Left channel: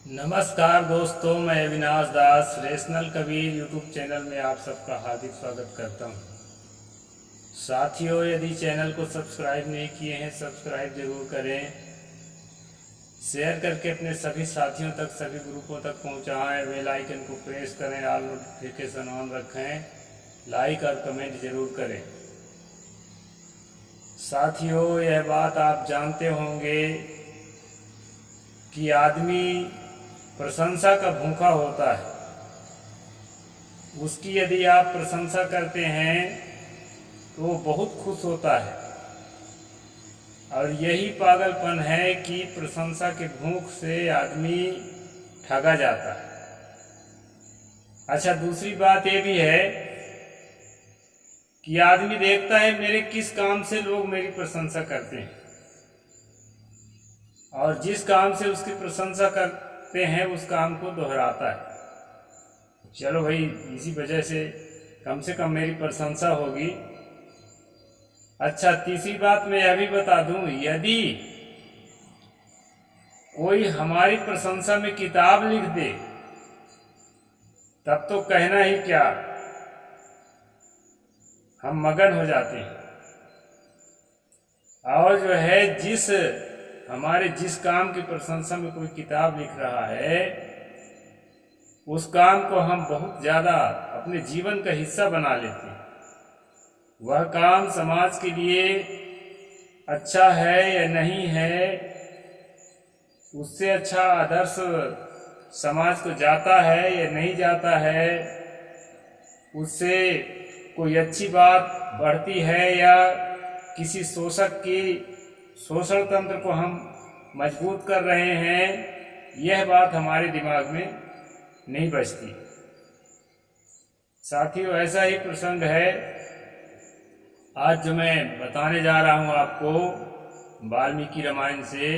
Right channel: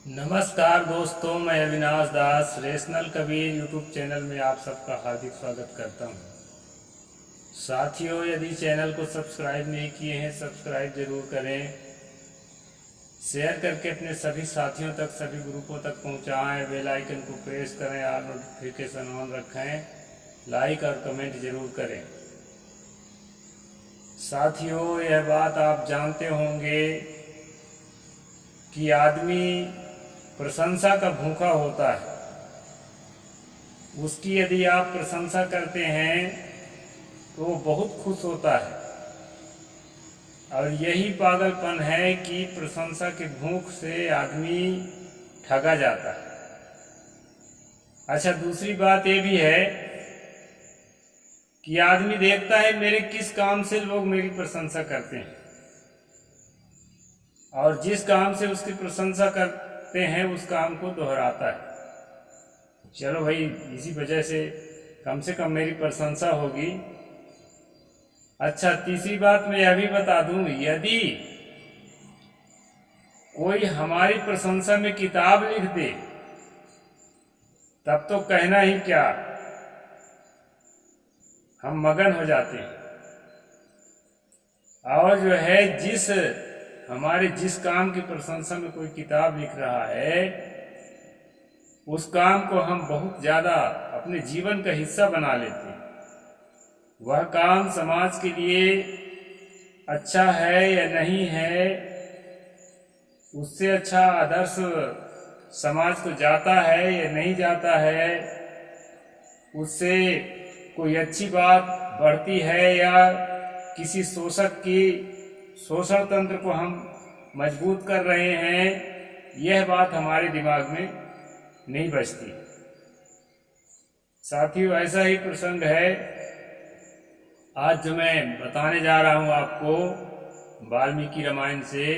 नमस्कार दोस्तों, मैं अविनाश दास रेशनल कबीर यूट्यूब चैनल में आप सबका हार्दिक स्वागत करता हूं। साथियों, यदि चैनल को सब्सक्राइब नहीं किए हैं, सब्सक्राइब जरूर करें। शेयर करके अपने सभी साथियों तक, सभी ग्रुपों तक पहुंचाएं। बेल आइकन को प्रेस करें, ऑल नोटिफिकेशन ऑन रखें। लाइक और कमेंट जरूर करें। साथियों, यह बात आप जानते होंगे कि आदमी प्रशंसा का भूखा होता है। उसकी यदि आप प्रशंसा करते हैं तो वो बहुत खुश होता है, और यही पागलपन है कि प्रशंसा के भूख से आदमी ठगा जाता है। अच्छा, दूसरी बात ये भी है कि आदमी देखता है मेरे किस काम से लोग मेरी प्रशंसा करते हैं, और जिस काम से उसकी प्रशंसा करते हैं उस काम को दोहराता है। चलो भाई, इसी वजह से कम मेरी प्रशंसा होगी। अच्छा, तीसरी बात मैं यह भी बता दूं, यदि कोई हमारी प्रशंसा में किताब लिख दे तब तो कहना ही क्या, हम मगन हो जाते हैं। और जो है, जिस काम की प्रशंसा में कोई किताब लिख रहा है, उस काम को हम बहुत ज़्यादा अपने जीवन का हिस्सा बना लेते हैं। वह काम समाज के लिए अच्छा है या नहीं है, उससे अच्छा आदर्श समाज को जाता है या नहीं जाता है, उससे कोई अच्छी बात बढ़ती है या किसी शोषक की शोषण तंत्र को हम मजबूत कर रहे हैं, यह बात हमारे दिमाग में नहीं बचती। साथियों, ऐसा ही प्रसंग है आज जो मैं बताने जा रहा हूं आपको, वाल्मीकि रामायण से।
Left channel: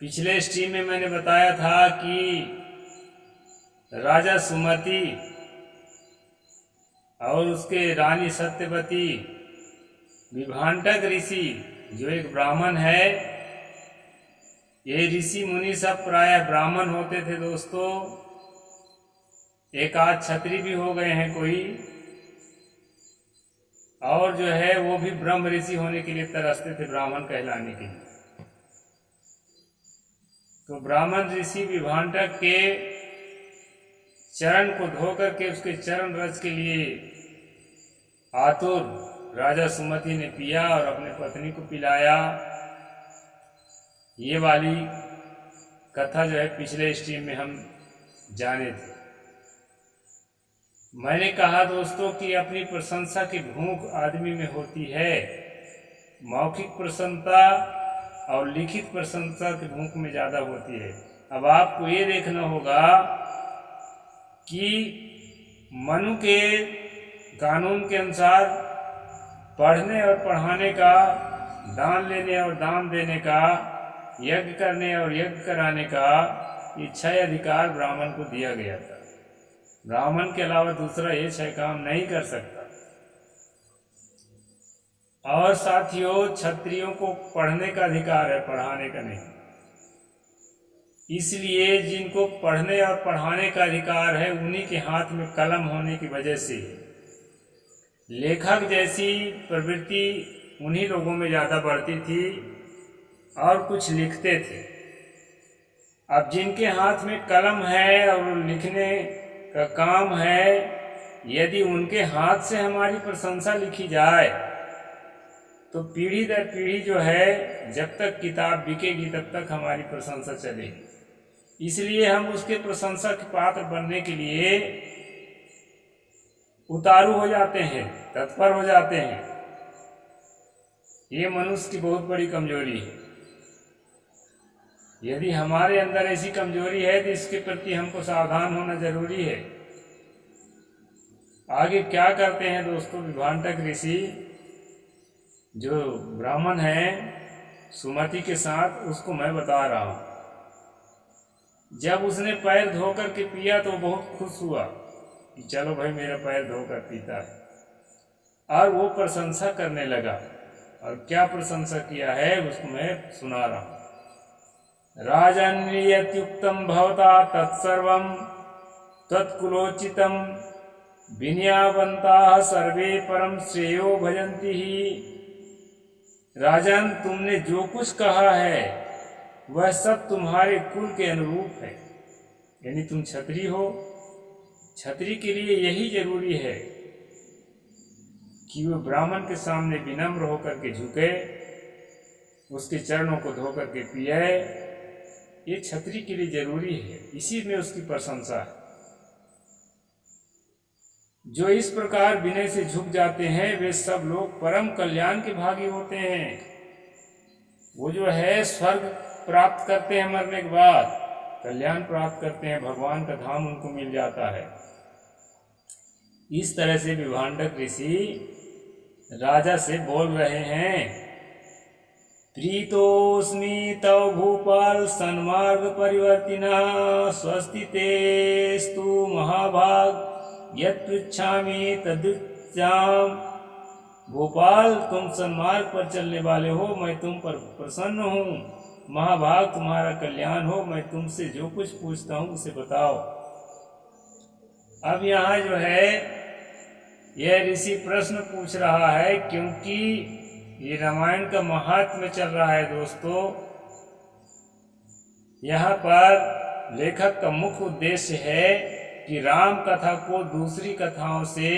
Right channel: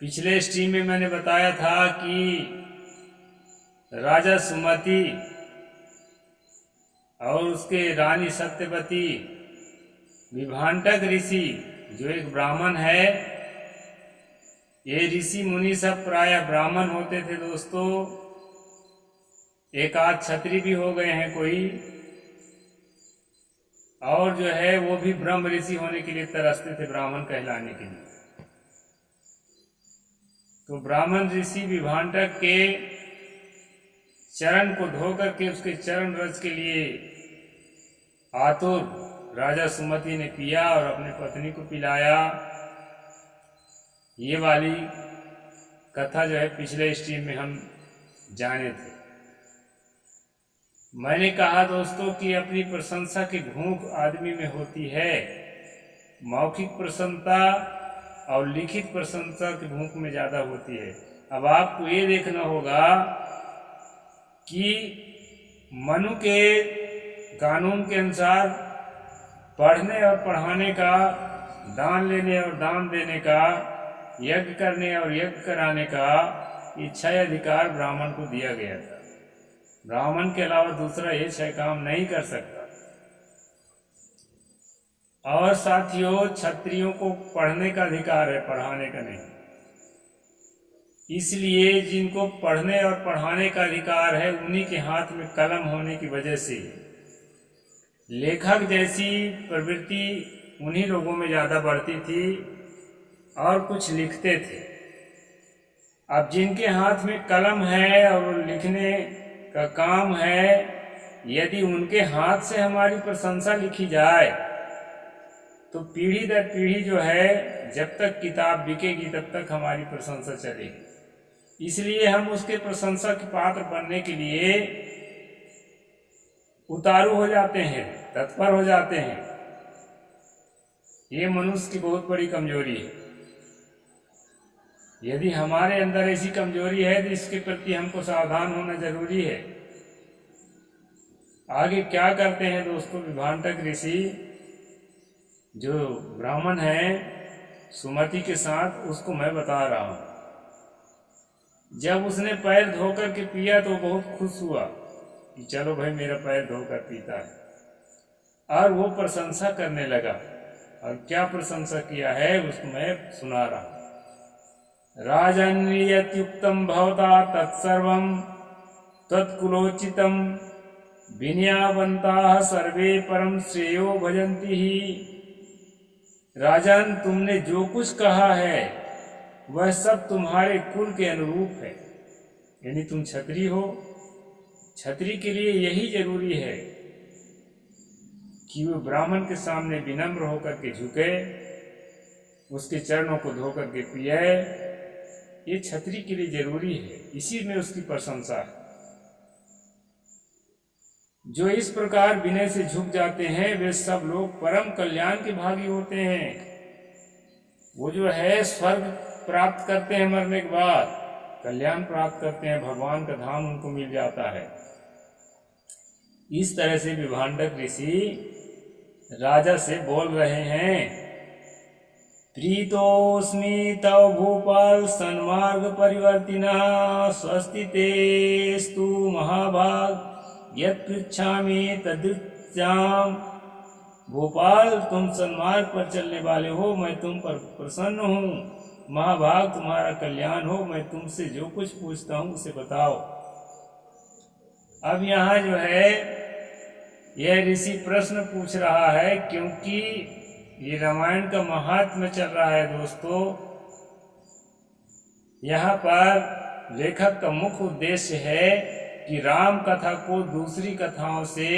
पिछले स्ट्रीम में मैंने बताया था कि राजा सुमति और उसके रानी सत्यवती, विभांटक ऋषि जो एक ब्राह्मण है, ये ऋषि मुनि सब प्रायः ब्राह्मण होते थे दोस्तों। एक आध क्षत्रिय भी हो गए हैं कोई, और जो है वो भी ब्रह्म ऋषि होने के लिए तरसते थे, ब्राह्मण कहलाने के लिए। तो ब्राह्मण ऋषि विभांटक के चरण को धो करके उसके चरण रज के लिए आतुर राजा सुमति ने पिया और अपने पत्नी को पिलाया। ये वाली कथा जो है पिछले स्ट्रीम में हम जाने थे। मैंने कहा दोस्तों कि अपनी प्रशंसा की भूख आदमी में होती है। मौखिक प्रशंसा और लिखित प्रशंसा की भूख में ज़्यादा होती है। अब आपको ये देखना होगा कि मनु के कानून के अनुसार पढ़ने और पढ़ाने का, दान लेने और दान देने का, यज्ञ करने और यज्ञ कराने का, ये 6 अधिकार ब्राह्मण को दिया गया था। ब्राह्मण के अलावा दूसरा ये 6 काम नहीं कर सकता। और साथियों, क्षत्रियों को पढ़ने का अधिकार है, पढ़ाने का नहीं। इसलिए जिनको पढ़ने और पढ़ाने का अधिकार है, उन्हीं के हाथ में कलम होने की वजह से लेखक जैसी प्रवृत्ति उन्हीं लोगों में ज़्यादा बढ़ती थी और कुछ लिखते थे। अब जिनके हाथ में कलम है और लिखने का काम है, यदि उनके हाथ से हमारी प्रशंसा लिखी जाए तो पीढ़ी दर पीढ़ी जो है, जब तक किताब बिकेगी तब तक हमारी प्रशंसा चलेगी। इसलिए हम उसके प्रशंसा के पात्र बनने के लिए उतारू हो जाते हैं, तत्पर हो जाते हैं। ये मनुष्य की बहुत बड़ी कमजोरी है। यदि हमारे अंदर ऐसी कमजोरी है तो इसके प्रति हमको सावधान होना जरूरी है। आगे क्या करते हैं दोस्तों, विभांटक ऋषि जो ब्राह्मण है सुमति के साथ, उसको मैं बता रहा हूं। जब उसने पैर धोकर के पिया तो बहुत खुश हुआ कि चलो भाई, मेरा पैर धोकर पीता है, और वो प्रशंसा करने लगा। और क्या प्रशंसा किया है उसको मैं सुना रहा हूं। राजन् यत्युक्तं भवता तत्सर्वं त्वत्कुलोचितं विनयावन्ताः सर्वे परम श्रेयो भजन्ति ही। राजन, तुमने जो कुछ कहा है वह सब तुम्हारे कुल के अनुरूप है। यानी तुम क्षत्रिय हो, क्षत्रिय के लिए यही जरूरी है कि वो ब्राह्मण के सामने विनम्र होकर के झुके, उसके चरणों को धो करके पिए। ये क्षत्रिय के लिए जरूरी है, इसी में उसकी प्रशंसा है। जो इस प्रकार विनय से झुक जाते हैं वे सब लोग परम कल्याण के भागी होते हैं। वो जो है स्वर्ग प्राप्त करते हैं, मरने के बाद कल्याण प्राप्त करते हैं, भगवान का धाम उनको मिल जाता है। इस तरह से विभांडक ऋषि राजा से बोल रहे हैं। प्रीतोस्मि तव भूपाल सन्मार्ग परिवर्तिनः स्वस्ति तेस्तु महाभाग यत् पृच्छामि तदुच्चाम। भोपाल, तुम सन्मार्ग पर चलने वाले हो, मैं तुम पर प्रसन्न हूँ। महाभाग, तुम्हारा कल्याण हो, मैं तुमसे जो कुछ पूछता हूँ उसे बताओ। अब यहाँ जो है यह ऋषि प्रश्न पूछ रहा है, क्योंकि ये रामायण का महात्म्य चल रहा है दोस्तों। यहाँ पर लेखक का मुख्य उद्देश्य है कि राम कथा को दूसरी कथाओं से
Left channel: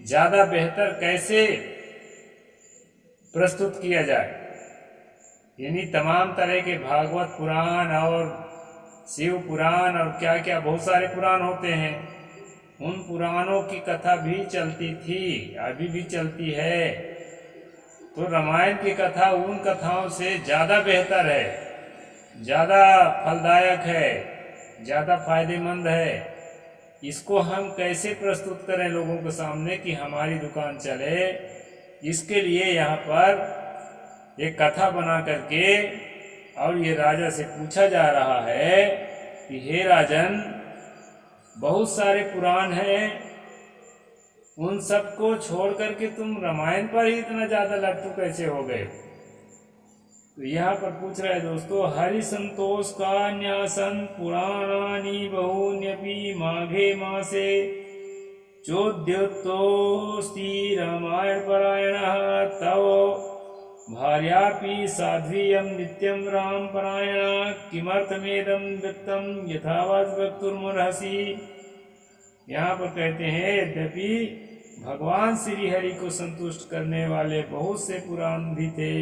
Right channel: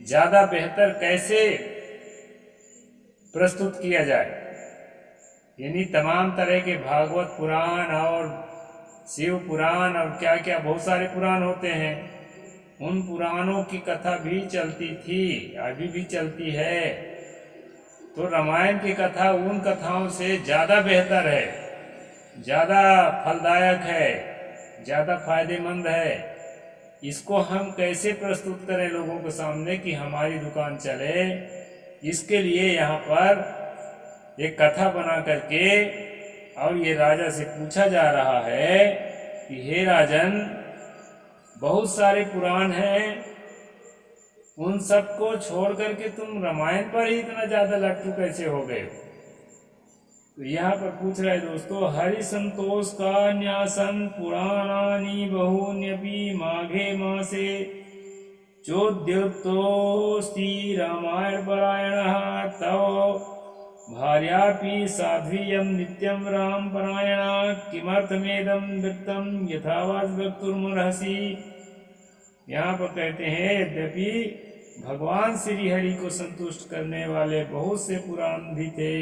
ज़्यादा बेहतर कैसे प्रस्तुत किया जाए। यानी तमाम तरह के भागवत पुराण और शिव पुराण और क्या क्या बहुत सारे पुराण होते हैं, उन पुराणों की कथा भी चलती थी, अभी भी चलती है। तो रामायण की कथा उन कथाओं से ज़्यादा बेहतर है, ज़्यादा फलदायक है, ज़्यादा फायदेमंद है। इसको हम कैसे प्रस्तुत करें लोगों के सामने कि हमारी दुकान चले, इसके लिए यहाँ पर एक कथा बना करके और ये राजा से पूछा जा रहा है कि हे राजन, बहुत सारे पुराण हैं, उन सबको छोड़ करके तुम रामायण पर ही इतना ज़्यादा लट्टू कैसे हो गए। तो यहाँ पर पूछ रहे दोस्तों, हरि संतोष का न्यासन पुराणानि बहून्यपि माघे मासे चोद्योतोस्ति रामायण परायणः तव भार्यापि साध्वीयं नित्यं राम परायणा किमर्थमेदं वृत्तं यथावत् वक्तुर्मर्हसि। यहाँ पर कहते हैं, यद्यपि भगवान श्री हरि को संतुष्ट करने वाले बहुत से पुराण भी थे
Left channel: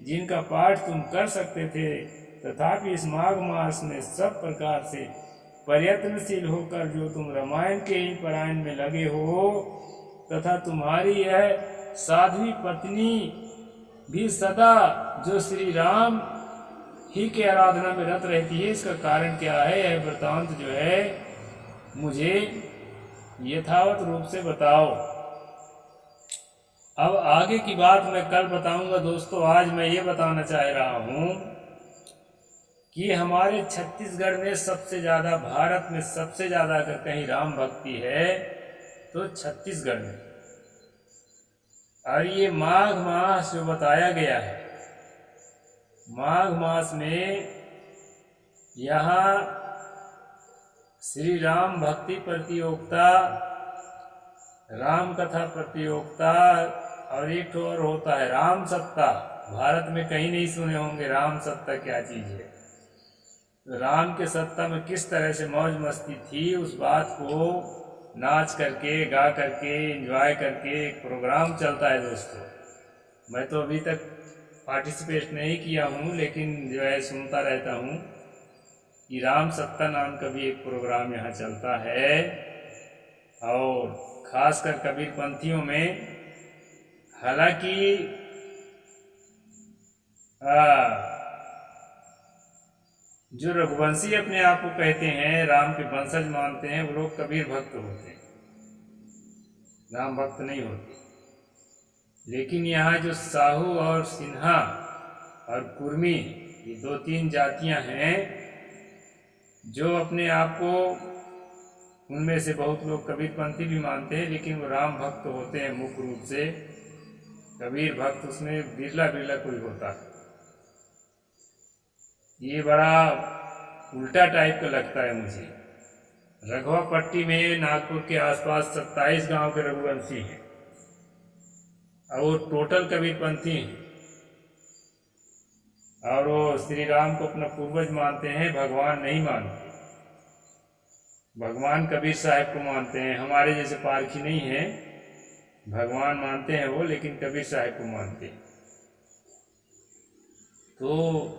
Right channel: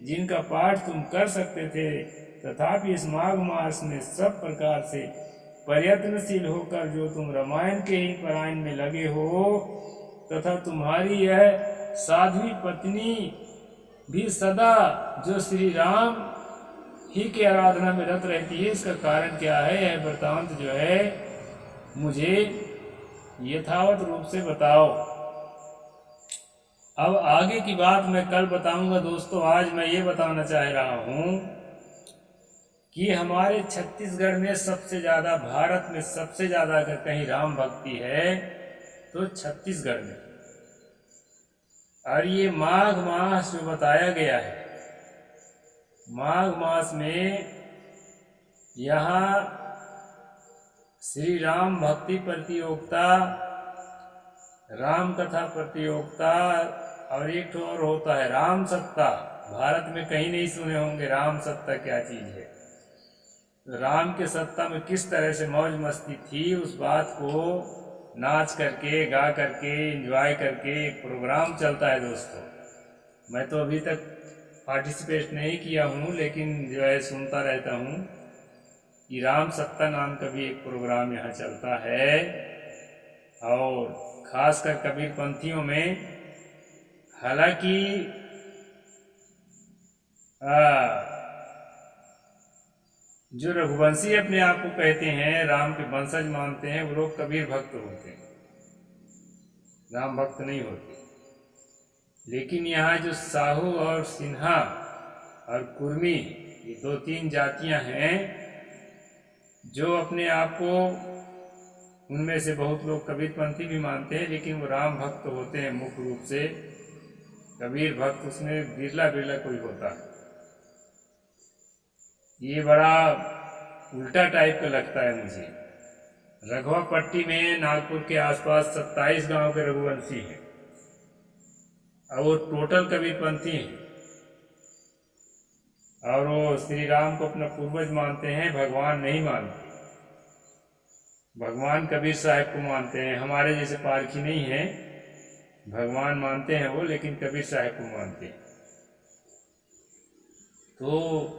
जिनका पाठ तुम कर सकते थे, तथापि इस माघ मास में सब प्रकार से प्रयत्नशील होकर जो तुम रामायण के ही पारायण में लगे हो, तथा तुम्हारी यह साध्वी पत्नी भी सदा जो श्री राम ही के आराधना में रत रहती है, इसका कारण क्या है, यह वृत्तांत जो है मुझे यथावत रूप से बताओ। अब आगे की बात मैं कल बताऊंगा दोस्तों। आज मैं ये बताना चाह रहा हूँ कि हमारे छत्तीसगढ़ में सबसे ज़्यादा, भारत में सबसे ज़्यादा अगर कहीं राम भक्ति है तो छत्तीसगढ़ में। और ये माघ मास जो बताया गया है, माघ मास में यहाँ श्री राम भक्ति प्रतियोगिता, राम कथा प्रतियोगिता और एक तो और होता है राम सप्ताह। भारत में कहीं नहीं सुने होंगे राम सप्ताह क्या चीज़ है। राम के सप्ताह में किस तरह से मौज मस्ती थी, उस बात को नाच करके, गा करके, एंजॉय करके एक प्रोग्राम चलता है दोस्तों। मैं तो अभी तक पार्टिसिपेट नहीं किया हूँ, लेकिन जो है सुनता रहता हूँ कि राम सप्ताह नाम का भी एक प्रोग्राम यहाँ चलता है। और खासकर कबीरपंथियों में, हालांकि जो रघुवंशी अपने आप को कहते हैं, राम के वंशज मानते हैं, वो लोग कबीर भक्त होते हैं, राम भक्त नहीं होते। लेकिन यहाँ जो साहू और सिन्हा और कुर्मी, ये 2-3 जातियाँ हैं जो अपने आप को, उनमें से बहुत लोग कबीरपंथी भी मानते हैं, लेकिन वो राम भक्त होते हैं मुख्य रूप से। कबीर भक्त उसमें बिरला बिरला कोई होता है। ये बड़ा उल्टा टाइप का लगता है मुझे। रघवा पट्टी में नागपुर के आसपास 27 गांव के रघुवंशी हैं और वो टोटल कबीरपंथी हैं और वो श्री राम को अपना पूर्वज मानते हैं, भगवान नहीं मानते। भगवान कबीर साहब को मानते हैं। हमारे जैसे पारखी नहीं है, भगवान मानते हैं वो, लेकिन कबीर साहब को मानते हैं। तो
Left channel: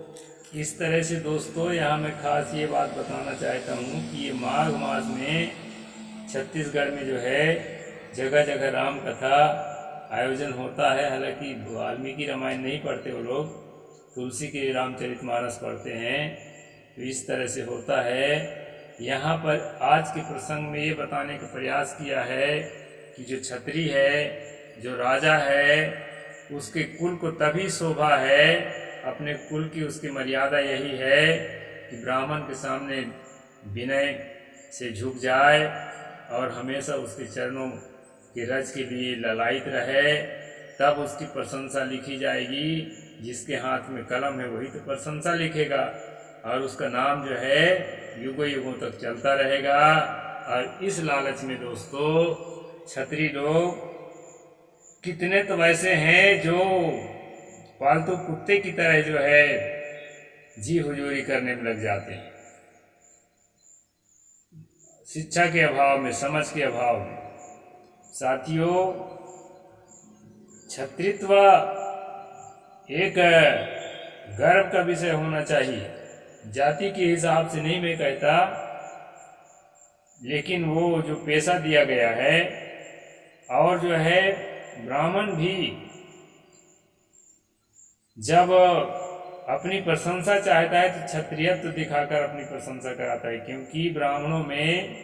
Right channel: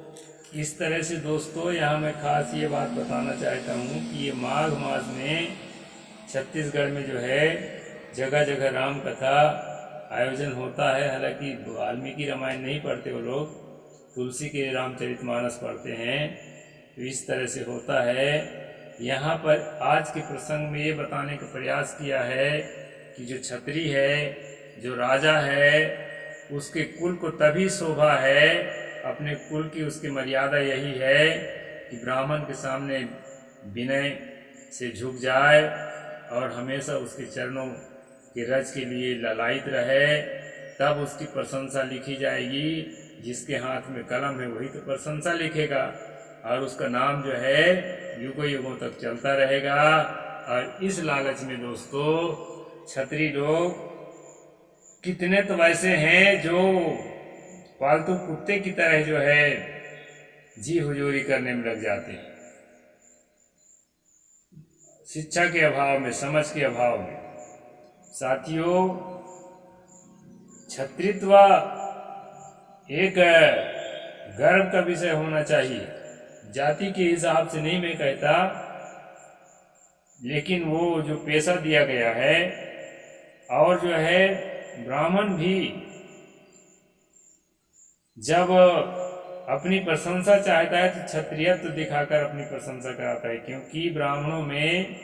इस तरह से दोस्तों यहाँ मैं खास ये बात बताना चाहता हूँ कि ये माघ मास में छत्तीसगढ़ में जो है जगह जगह राम कथा आयोजन होता है। हालांकि वाल्मीकि रामायण नहीं पढ़ते वो लोग, तुलसी के रामचरितमानस पढ़ते हैं। तो इस तरह से होता है। यहाँ पर आज के प्रसंग में ये बताने का प्रयास किया है कि जो छत्री है, जो राजा है, उसके कुल को तभी शोभा है, अपने कुल की उसकी मर्यादा यही है कि ब्राह्मण के सामने विनय से झुक जाए और हमेशा उसके चरणों के रज के लिए ललायित रहे, तब उसकी प्रशंसा लिखी जाएगी। जिसके हाथ में कलम है वही तो प्रशंसा लिखेगा और उसका नाम जो है युगों युगों तक चलता रहेगा। और इस लालच में दोस्तों छत्री लोग कितने तो वैसे हैं जो पालतू कुत्ते की तरह जो है जी हुजूरी करने में लग जाते हैं, शिक्षा के अभाव में, समझ के अभाव में। साथियों, छत्रित्व एक गर्व का विषय होना चाहिए। जाति के हिसाब से नहीं मैं कहता, लेकिन वो जो पेशा दिया गया है, और जो है ब्राह्मण भी जब अपनी प्रशंसा चाहता है तो क्षत्रियत्व दिखाकर अपनी प्रशंसा कराता है। क्योंकि ब्राह्मणों में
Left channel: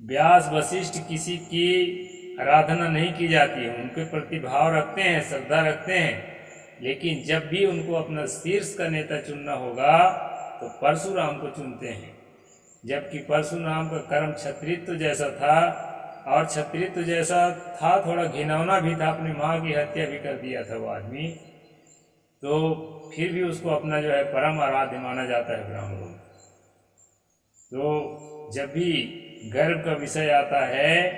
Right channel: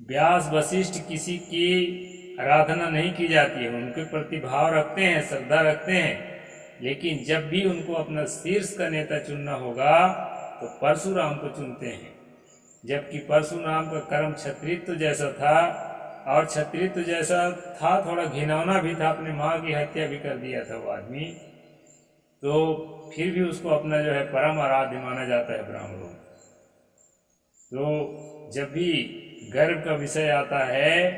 व्यास वशिष्ठ किसी की आराधना नहीं की जाती है, उनके प्रति भाव रखते हैं, श्रद्धा रखते हैं। लेकिन जब भी उनको अपना शीर्ष का नेता चुनना होगा तो परशुराम को चुनते हैं। जबकि परशुराम का कर्म क्षत्रित्व जैसा था, और क्षत्रित्व जैसा था, थोड़ा घिनौना भी था, अपनी माँ की हत्या भी कर दिया था वो आदमी। तो फिर भी उसको अपना जो है परम आराध्य माना जाता है ब्राह्मणों में। तो जब भी गर्व का विषय आता है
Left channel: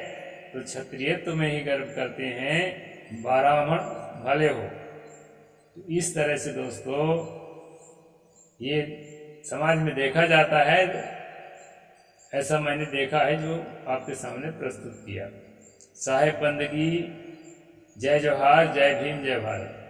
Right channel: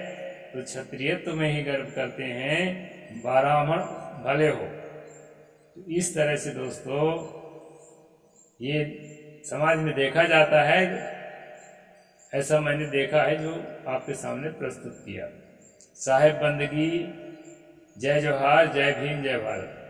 तो क्षत्रियत्व में ही गर्व करते हैं, ब्राह्मण भले हो। तो इस तरह से दोस्तों ये समाज में देखा जाता है। ऐसा मैंने देखा है जो आपके सामने प्रस्तुत किया। साहेब बंदगी, जय जोहार, जय भीम, जय भारत।